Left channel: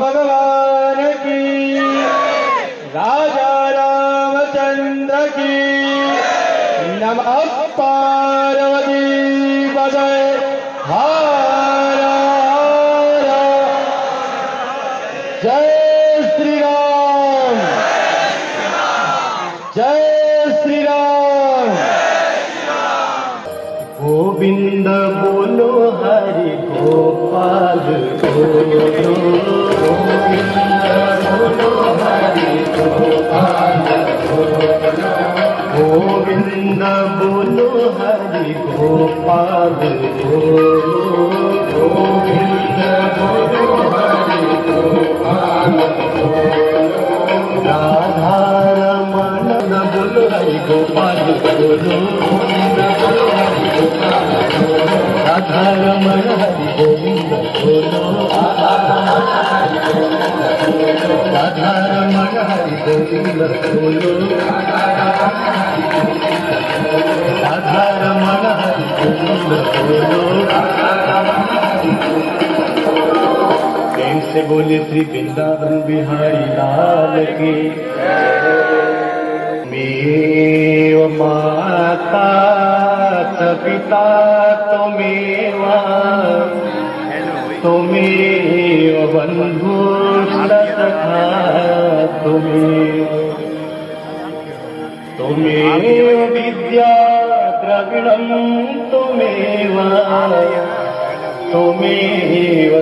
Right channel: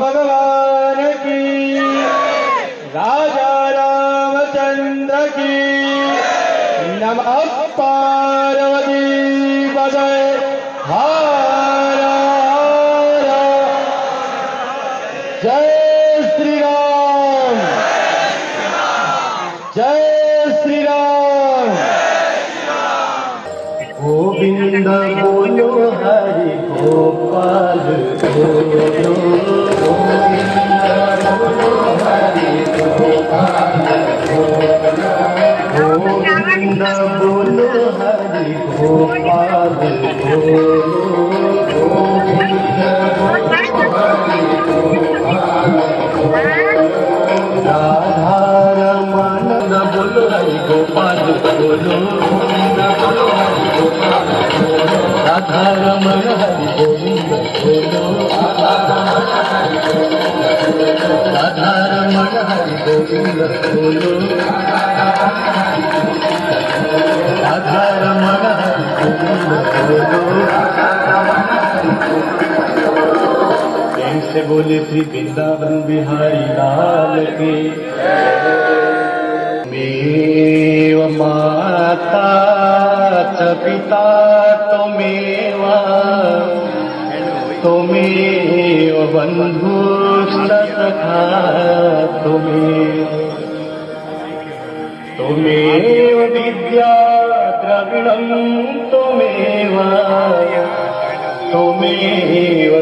भगवान की, राजा रामचंद्र की, नमः पार्वती पदे हर हर। जय श्री राम, जय श्री राम। गोविंद बोलो हरि गोपाल गोविंद बोलो हरि गोपाल गोविंद बोलो हरि गोपाल गोविंद बोलो हरि गोपाल राधा रमण बोलो हरि गोपाल बोलो राधा रमण हरि गोविंद बोलो राधा रमण हरि गोविंद बोलो राधा रमण हरि गोविंद बोलो। प्रेम से बोले श्री वृंदावन बिहारी लाल की। मेव माता च पिता त्वमेव त्वमेव बन्धुश्च सखा त्वमेव विद्या द्रविणं त्वमेव त्वमेव।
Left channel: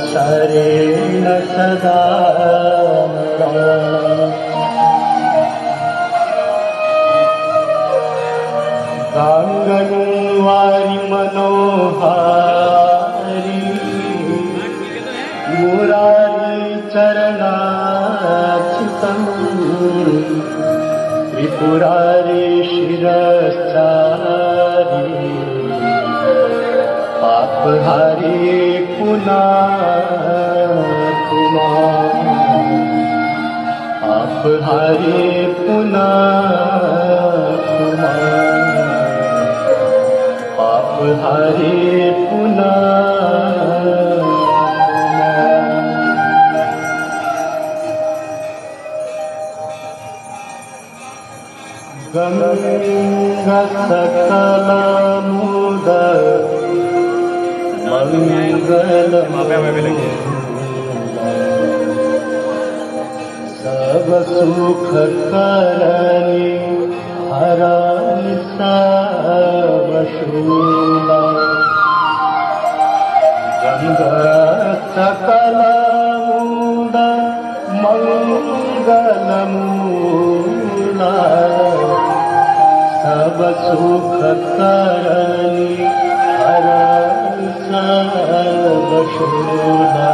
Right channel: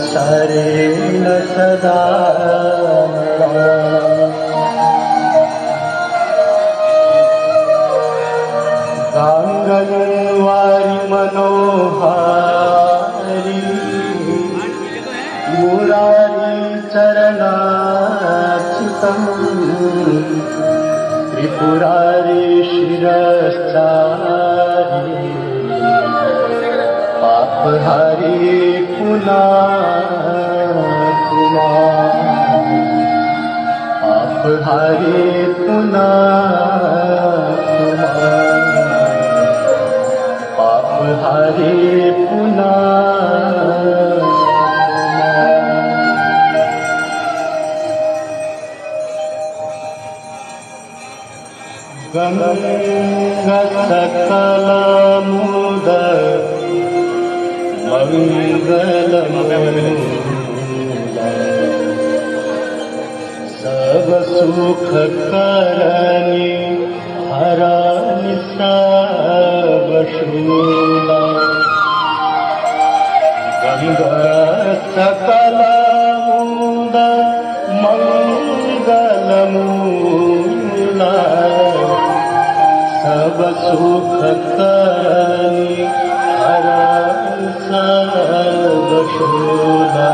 शरण सदा गांगनवारी मनोहारी मुरारी चरणाच्युतं त्रिपुरारी शिरस्तारी पापहारी हरे पुनः पाप हरे पुनः। गंगा सकल मुदर मंगल सब सुख करनी हरानी सब शूला। गंगा सकल मुद मंगल मूला सब सुख करनी हरानी सब शूला।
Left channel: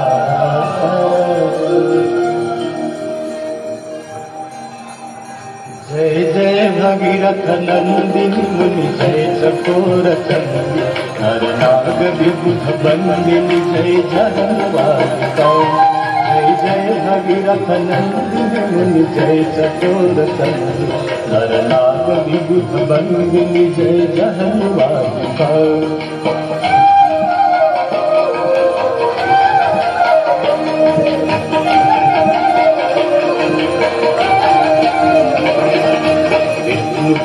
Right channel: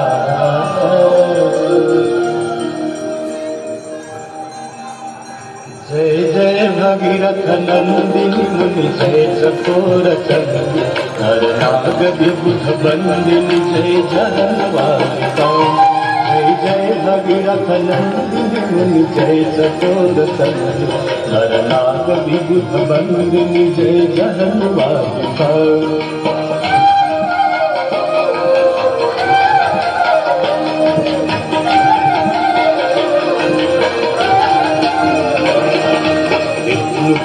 जय जय भगीरथ नंदिनी मुनि जय चकोर चंदी हर नाग विबुध बंदिनी जय जहनवारिका। जय जय भगीरथ नंदिनी मुनि जय चकोर चंदी हर नाग विबुध बंदिनी जय जहनवारिका।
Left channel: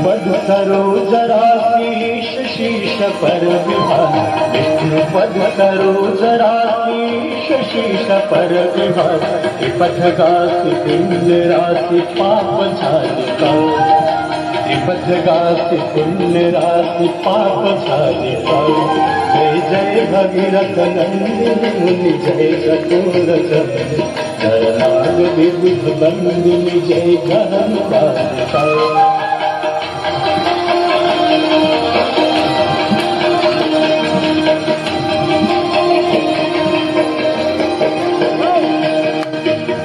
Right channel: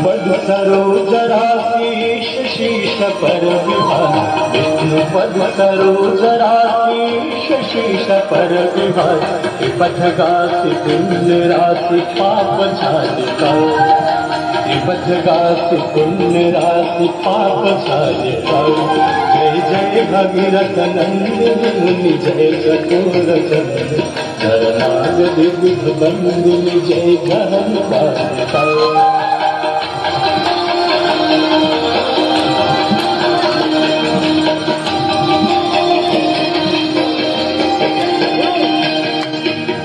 पद सरोजराशीष शीश पर विहार विष्णु पद सरोजराशीष शीश पर विहार। त्रिपथगासी पुण्य राशि पाप झालिका त्रिपथगासी पुण्य राशि पाप झालिका। जय जय भगीरथ नंदिनी मुनि जय चकोर चंदी हर नाग विबुध बंदिनी जय जहन बालिकाए।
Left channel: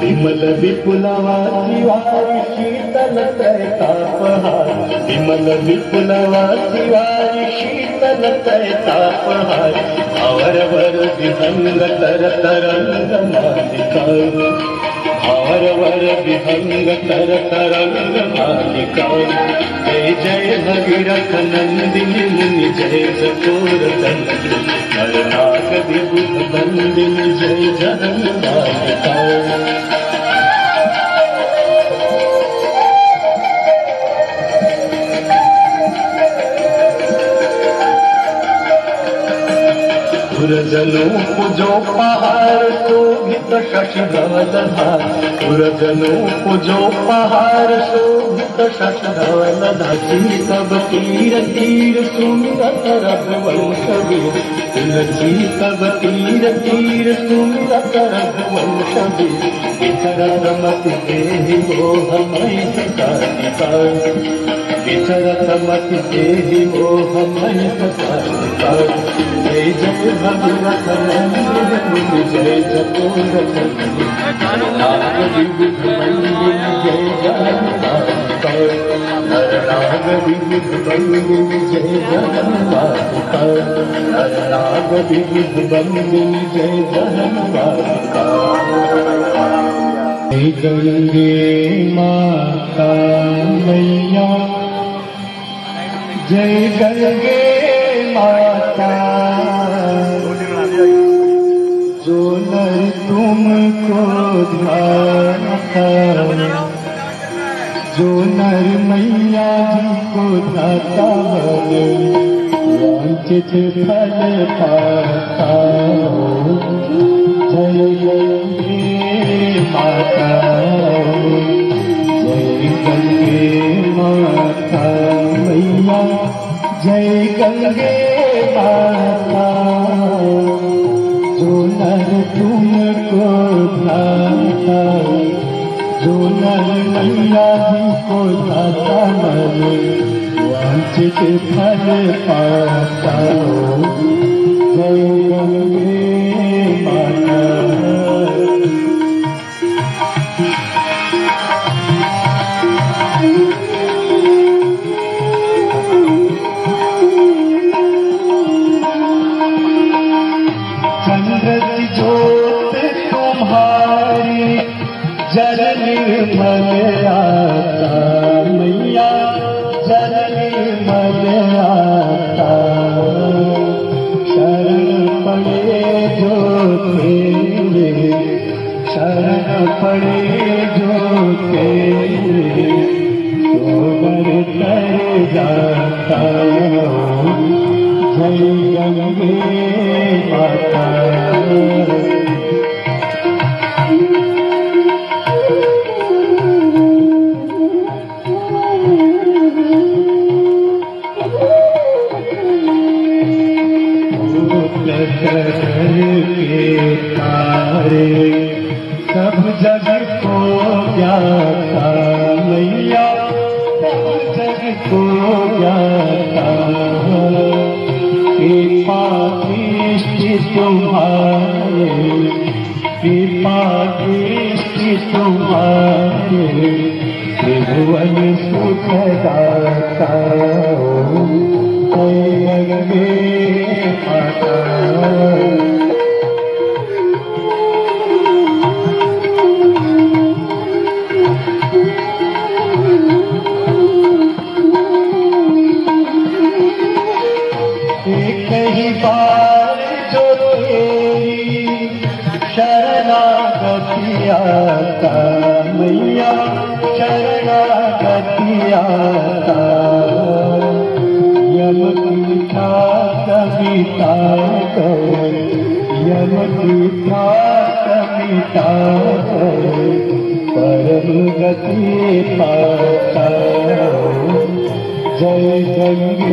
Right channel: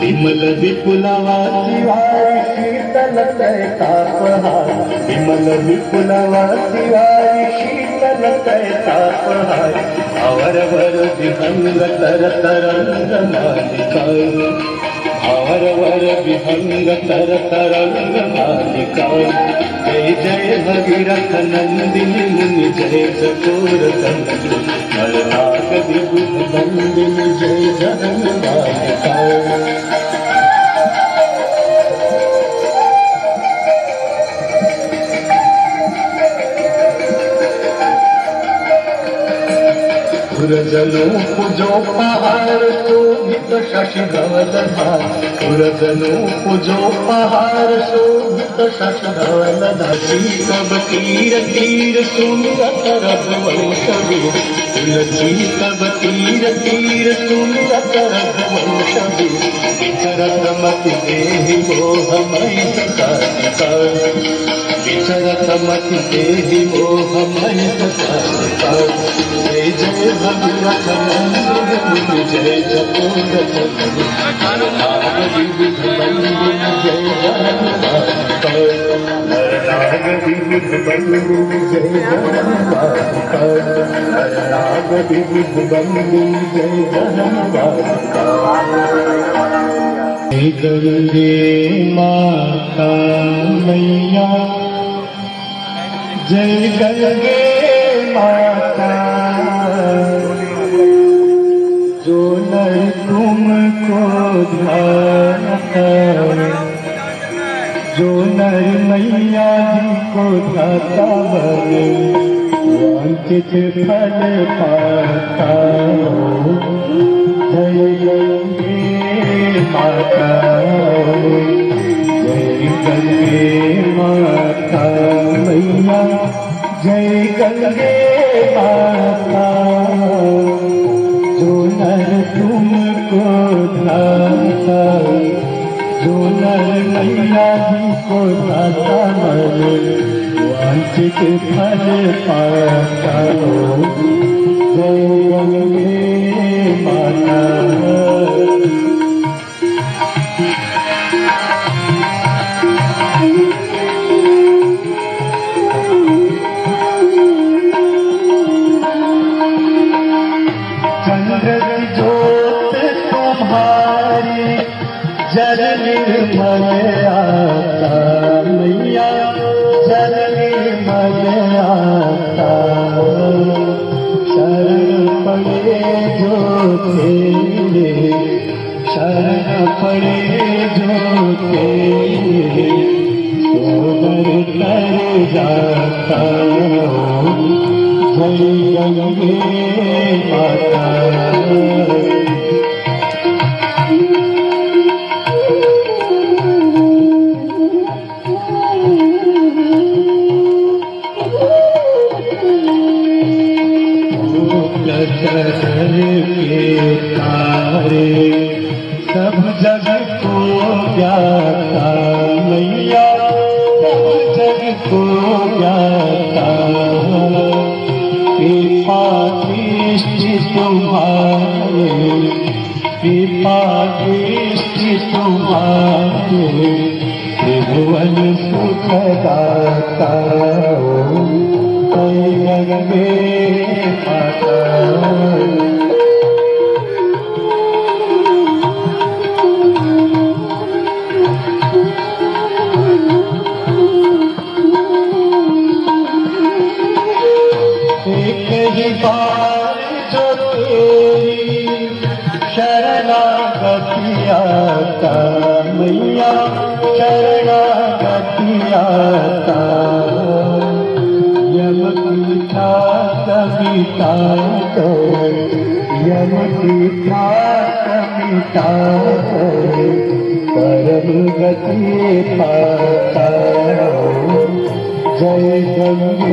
विमल विपुलवासी वारी शीतल तापहार, विमल विपुलवासी वारी शीतल तापहार, अवरवर विहंग तर तरंग मालिकाए, अवरवर विहंग तर तरंग मालिकाए। जय जय भगीरथ नंदिनी मुनि जय चकोर दंडिनी, नरनाग विबुध बंदिनी जय जहन बालिकाए। सुरजनों पूजो पहाड़ शोभित शशधवल धार, सुरजनों पूजो पहाड़ शोभित शशधवल धार। तब तीर तीर सुमिरत रघुवंशवीर, तब तीर तीर सुमिरत रघुवंशवीर। विचरत मति देहि मोहमयि सतारिकाए, विचरत मति देहि मोहमयि सतारिकाए। जय जय भगीरथ नंदिनी जय चकोर दंडिनी, नरनाग विबुध बंदिनी जय जहन बालिकाए, नरनाग विबुध बंदिनी जय जहन बालिकाए, नरनाग विबुध बंदिनी जय जहन बालिकाए। गंगे माता मैया, जय गंगे माता, जो नर तुमको ध्याता, जो नर मैया जी को ध्याता बने वांछित फल पाता। जय गंगे माता, जय गंगे माता मैया, जय गंगे माता, जो नर तुमको ध्याता, जो नर मैया जी को ध्याता मने वांछित फल पाता। जय गंगे माता। जल निर्मल आता मैया, जल निर्मल आता, शरण पड़े जो तेरे, शरण पड़े जो तेरे, सोबर तर जाता। जय गंगे माता। के तारे सब जग को जाता मैया, सब जग को जाता। कृपा दृष्टि तुम्हारे, कृपा दृष्टि तुम्हारे, त्रिभुवन सुख दाता। जय गंगे माता। कई बार जो तेरी शरणागति आता मैया, शरणागति आता। यम कृपा कविता को, यम कृपा कविता को, परम गति पाता। जय गंगे